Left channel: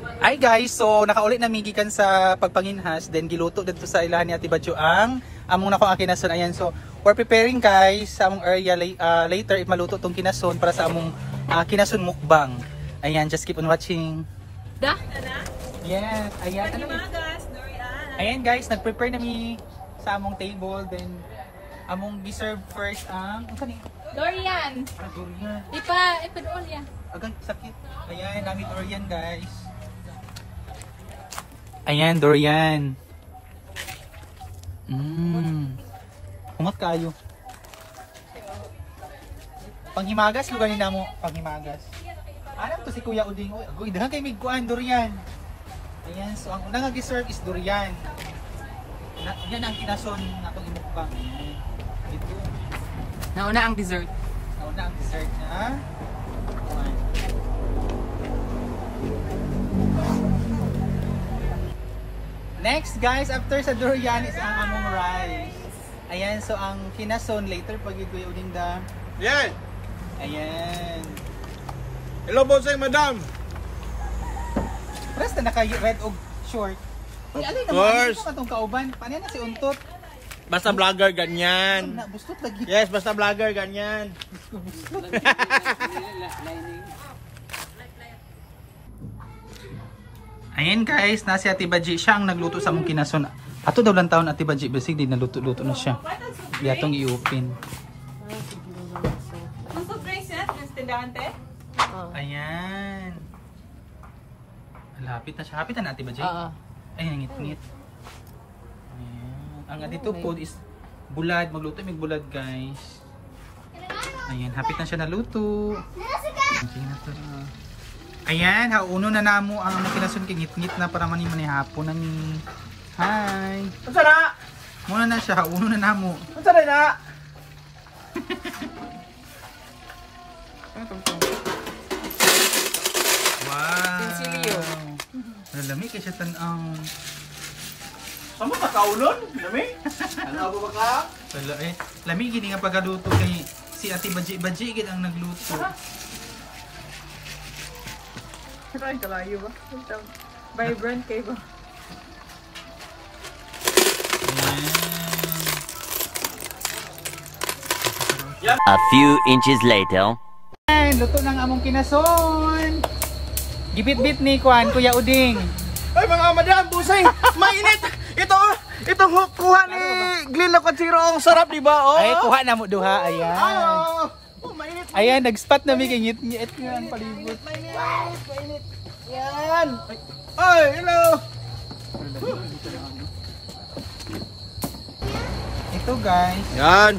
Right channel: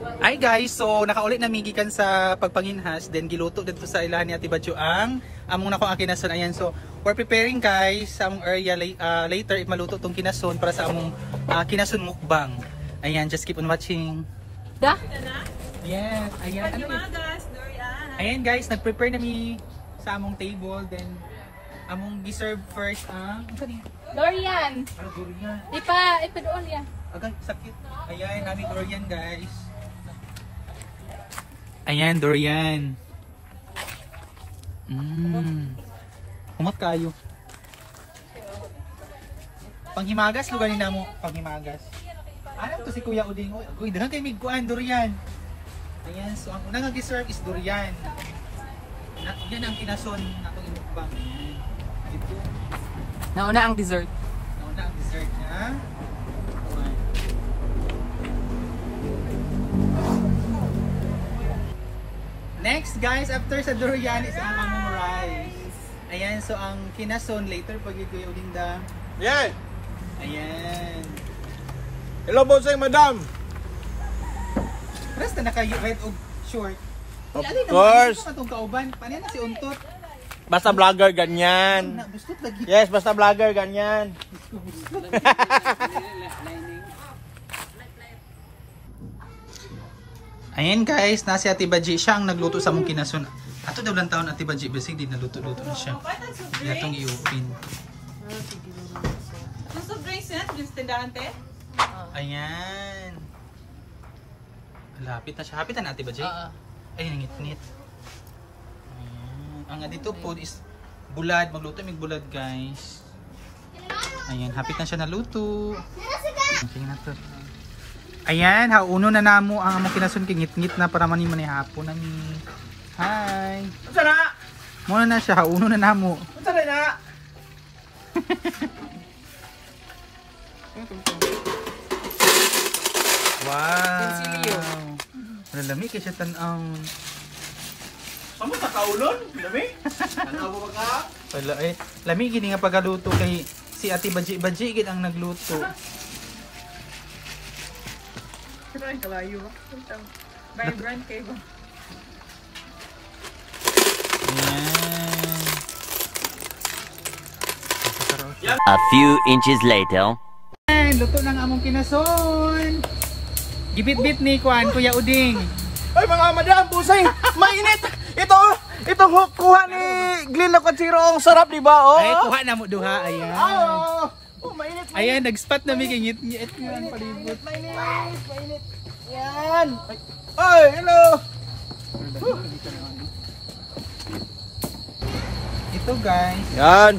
Hi guys, so nakaulit na migikan sa pagpanginhas, then giluto dito sa ilahan ni Ate Badyo ang among nako ang kinason. Ayan, so we're preparing guys sa among area later if maluto tong kinason para sa among kinason mukbang. Ayan, just keep on watching. Da? Yes, ayan. Ayan guys, nag-prepare na mi sa among table, then among giserve first ang Dorian. Durian. Ipa-doon yan. Agay, sakit. Ayan, namin durian guys. Ayan, durian. Kumot kayo. Panghimagas, lugar nila mo. Panghimagas. Ano to si Kuya Uding? Uy, dahan kayo migkuhan, durian. Ayan, so ang unang nag-serve is durian. Yan ang kinason na itong imukbang. Ito. Nauna ang dessert. Nauna ang dessert niya. Next guys, after sa durian is ang among rice. Ayan, so ang kinason later pag Kuya Uding da. Yan! Ayan. Hello po sa madam! Basta naka-red o short. Of Ay, course! Ano itong kauban? Paano na si Untot? Basta vlogger ganyan. Bustot lagi. Yes, basta vlogger ganyan. Ayan guys, nasi Ate Badji. Siya ang nagluto sa mong kinason. Ato daw lang taon Ate Badji. Basig din naluto-luto na siya. Yatong i-open. Ayan. Lapit na siya. Hapit na Ate Badji. Ayan, ngit-ngit. Ayan. Ang dito po is bulad. Magluto may bulad guys. Ayan, hapit na siya naluto. Tingnan na to. Ayan, hauno na namo ang among kinason kay ngit-ngit na para mani hapon na ni. Hi. Unsa na? Muna na siya, hauno na namo. Unsa na? Wow. Pensilio. Lalami kay siya tan-ang. Ano ka kaulon? Dami? Ano ba ka? Wala eh. Lami gini nga pagaluto kay si Ate Badji gid ang nagluto. Ay, kalayo ba? Vibrant kayo ba? Ayan. A few inches later. Ayan, luto ng among kinason. Gibit-bit ni Kuan, Kuya Uding. Ay mga madam, busay! Mainit! Itong kuha ni Glenn Locatsiro ang sarap, di ba? Oh. Ay, kuha na mo duha. Ayan. Oh, mainit! Ayan, nag-spot na may ngit-ngit nga ang palibot. Mainit! Yan! Ay, hello! Ito guys. Yan!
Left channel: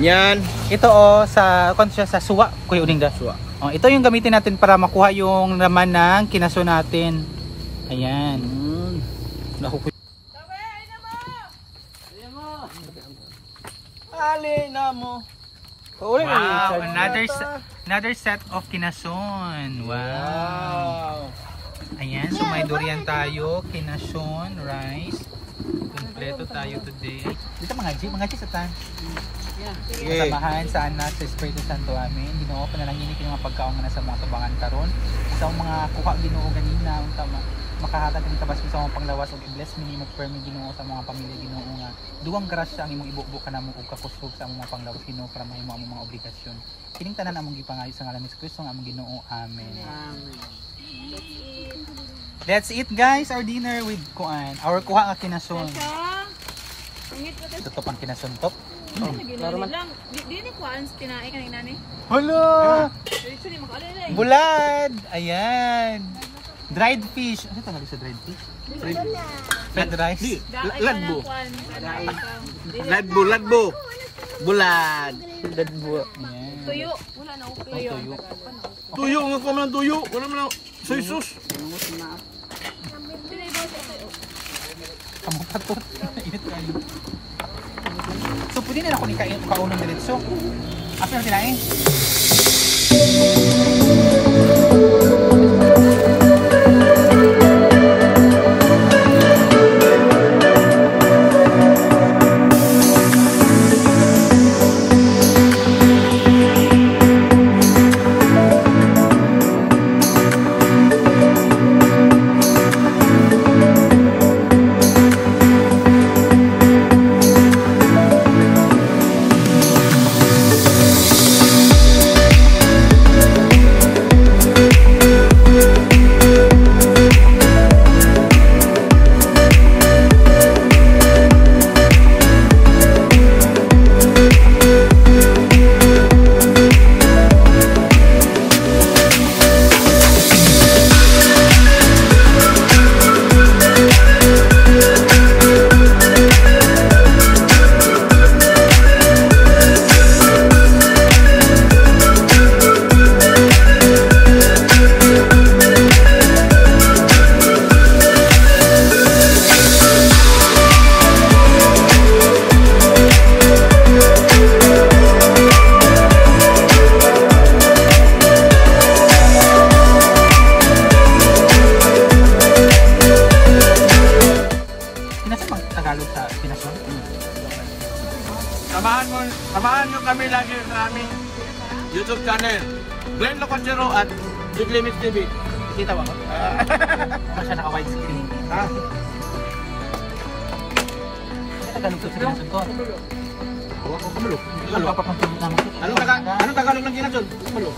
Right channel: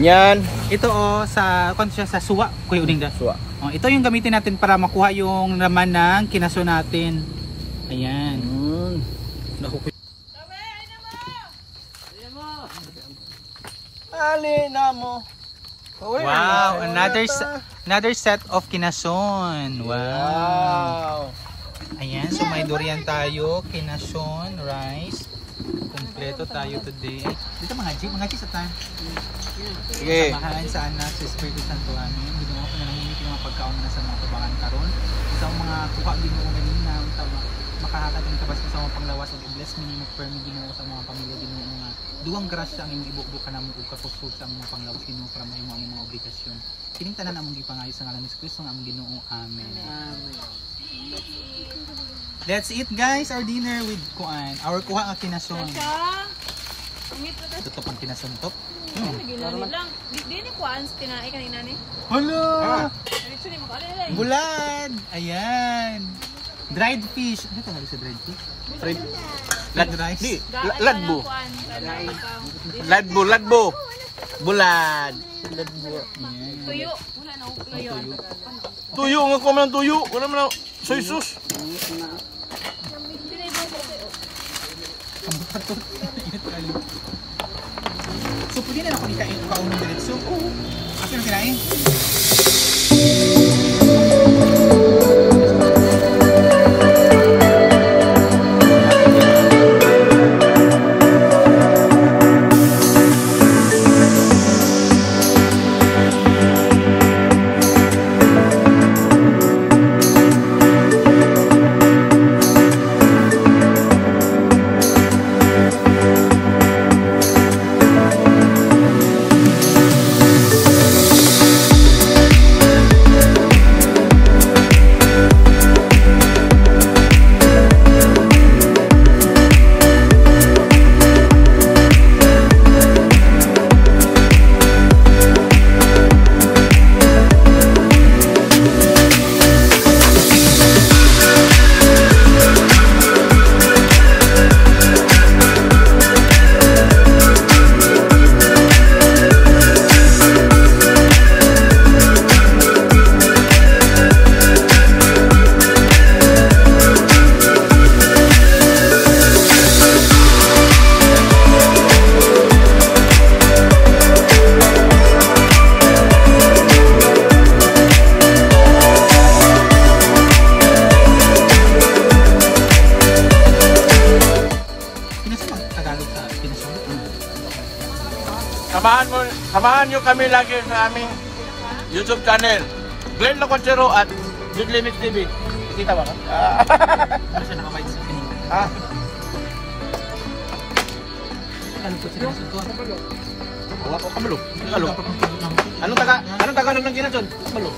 Yan! Ito sa konsya sa suwa, Kuya Uding da. Suwa. Ito yung gamitin natin para makuha yung laman ng kinaso natin. Ayan. Alina mo! Wow, another set of kinason. Wow. Ayan, so may durian tayo, kinason, rice. Kompleto tayo today. Dito mga G sa ta. Samahan sa anak sa Espiritu Santo amin. Ginoo pa na lang ini mga pagkaon nga nasa mga tubangan karon. Sa mga kuha Ginoo ganina unta makahatag ng tabas sa mga panglawas ug i-bless minimo permi Ginoo sa mga pamilya Ginoo nga duwang grasya ang imong ibubo kanamo ug kakusog sa among mga panglawas Ginoo para mahimo among mga obligasyon. Kining tanan among gipangayo sa ngalan ni Kristo nga among Ginoo. Amen. Amen. That's it guys, our dinner with kuan. Our kuha nga kinason. Ito pang kinason top. Ginani lang. Di ni kuan tinae kanina ni. Hala! Bulad! Ayan! Dried fish. Ano tawag sa dried fish? Dried rice? Ladbo! Ladbo! Bulad! Tuyo. Wala na tuyo. Tuyo! Nga ko man tuyo! Wala man soy sauce! Kamuta to. So, pwede na ako ni kaunong diretso. Apa yung kinain? kami lagi sa aming YouTube channel. Glenn Locochero at Dudley Mix TV. Kita ba ka? Ano siya naka-wide screen? Ah. Tanong ko sa kinasod ko. Wala ko kamulo. Ano ka papagpagod naman? Anong kakalog ng kinasod? Kamulo.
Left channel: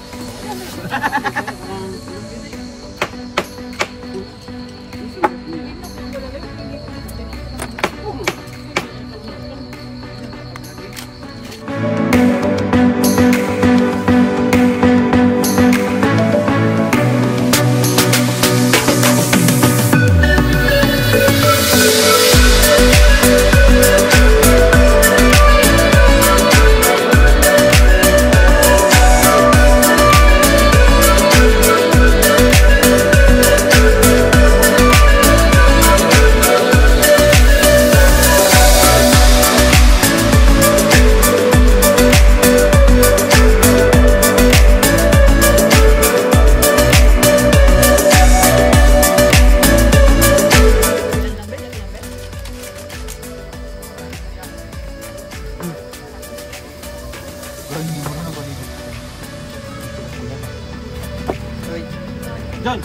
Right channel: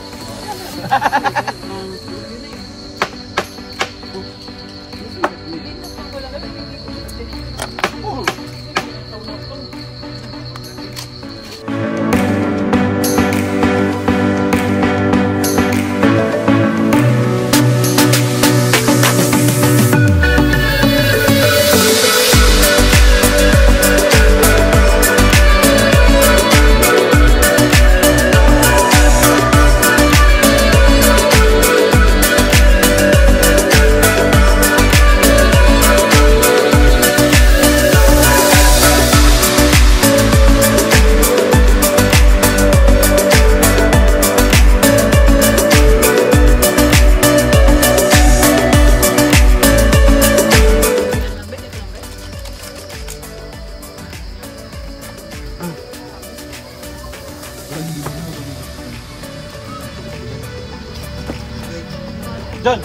John!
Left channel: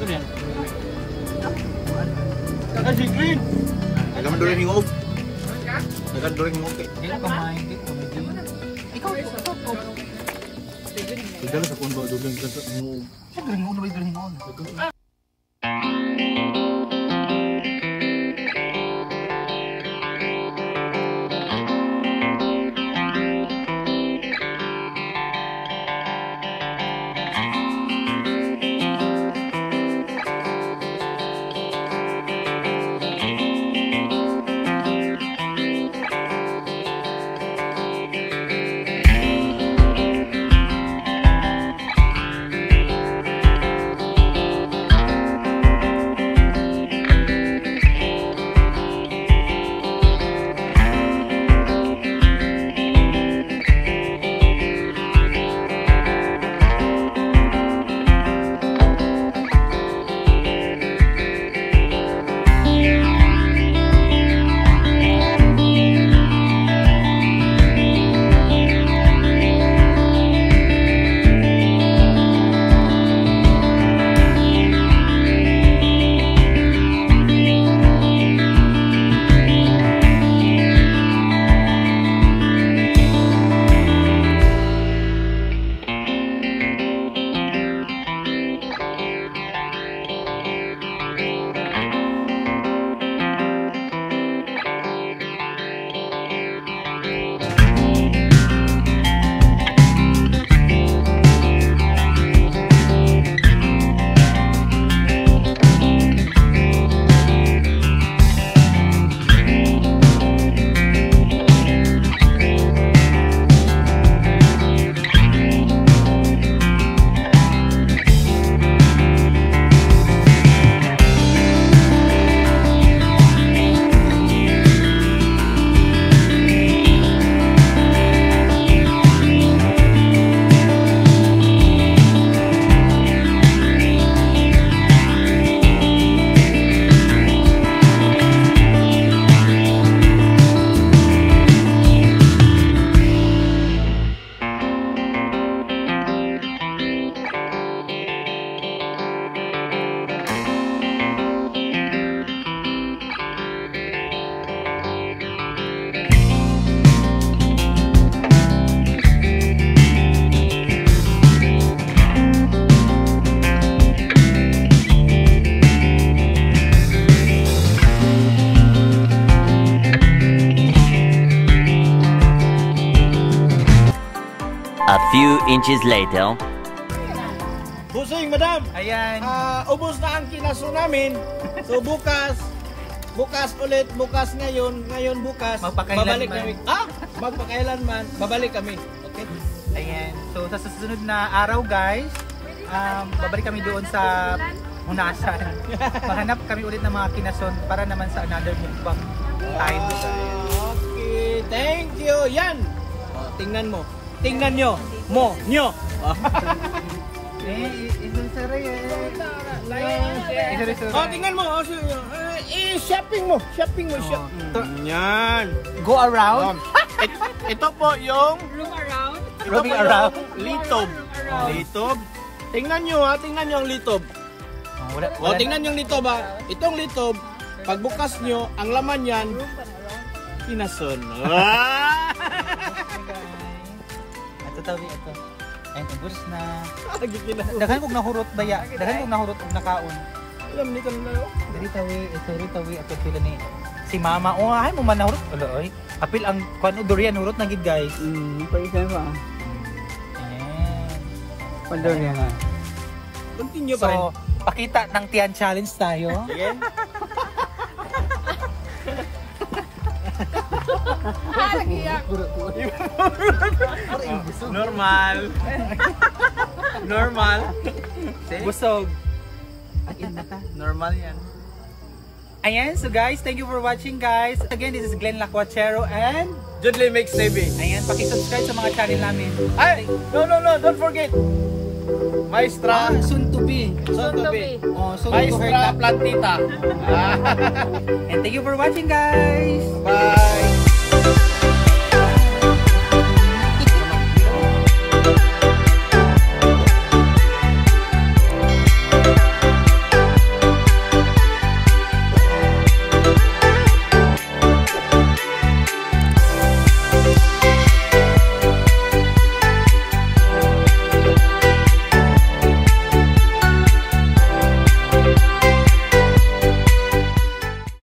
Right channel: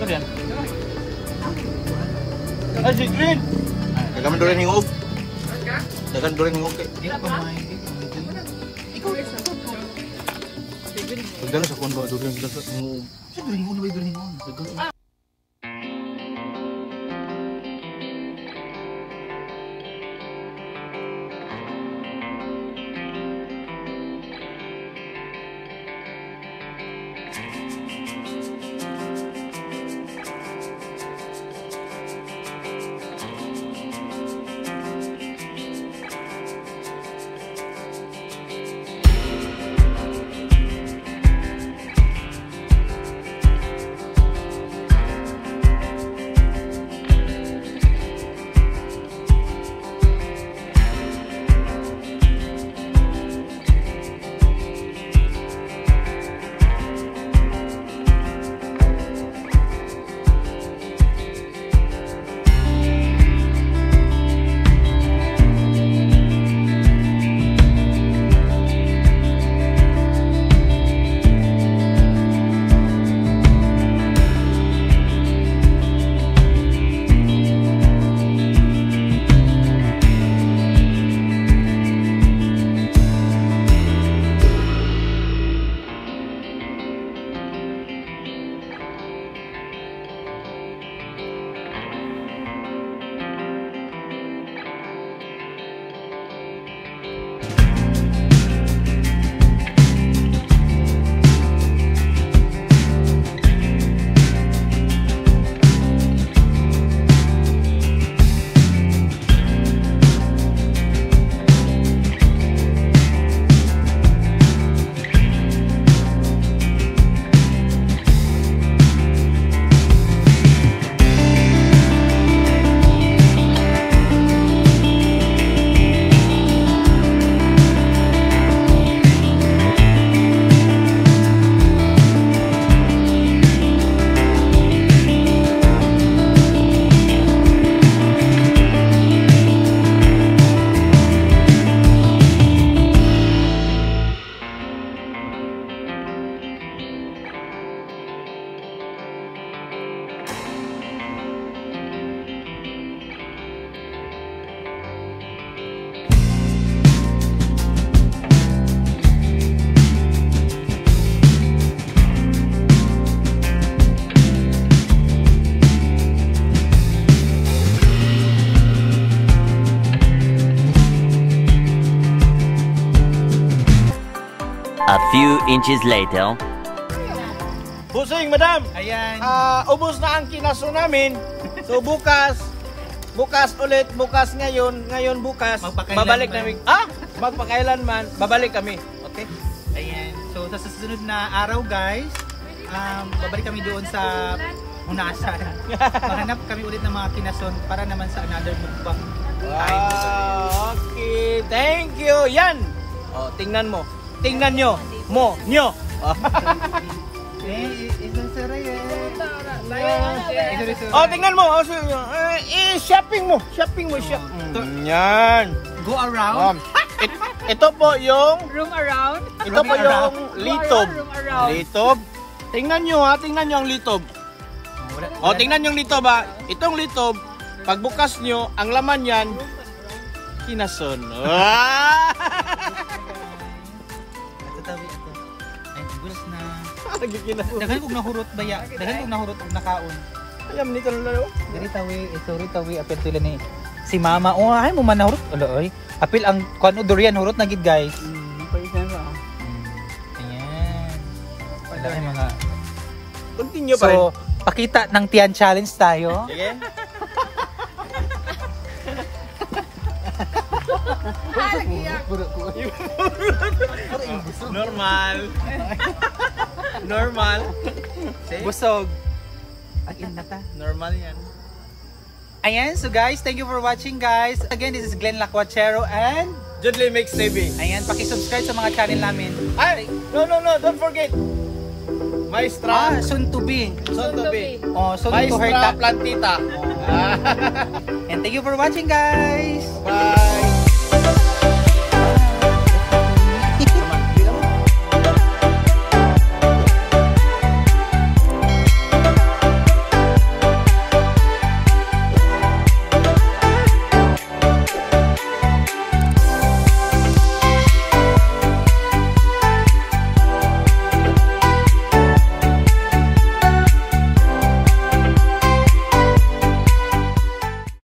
Ano yan? Ay, si Green! Nagaman doon yung hingog. Nagaman doon yung hingog. Hindi ko kamahin dito. Ikaw ulit sa top ko. Nagaman sa kondo doon yung hingog. Siya galingon na ba yung galingon? A few inches later. Busing, madam! Ayan. Ubos na ang kinaso namin. So bukas ulit, bukas ngayon bukas, Magpakailanman. babalik kami. Magpakailanman, babalik kami. Okay? Ayan. So sa susunod na araw guys, babalik kami doon sa Hunasan. Maghanap kami ulit ng mga kinason para naman sa another mukbang time. Okay, thank you. Yan. Oh, tingnan mo. Tingnan nyo. Nyo. Isunsuri Oh, tingnan mo. Shopping mo. Shopping mo siya. Yan. Go around. Ito po yung Room around. ito po yung litob. Room around. Litob. Tingnan nyo ha, tingnan nyo ang litob. O, tingnan nyo ang litob ha. Itong litob, pagbukas nyo, ang laman yan, kinason. Ah! Ito. Ay, gusto na. Lagi kinason. Daghan kog nahurot baya. Daghan kog nahurot og nakaon. Alam nito lang lalo. Diri tawi apil sila ni si mama. Oh, ay mo man nahurot. Ala oy. Apil ang kuno durian hurot na gid guys. Ayan. Continue pa rin. So, pakita ng Tiyan Challenge tayo. Sige. Normal. Normal. See? Busog. Agin na ta. Normal yan. Ayan, so guys, thank you for watching guys. Again, this is Glenn Lacuachero and Judley makes saving. ayan, paki-subscribe sa mga channel namin. Ay! No, don't forget. Maestra. Soon to be. Soon to be. Oh, soon to Maestra her. Plantita. And thank you for watching guys. Bye.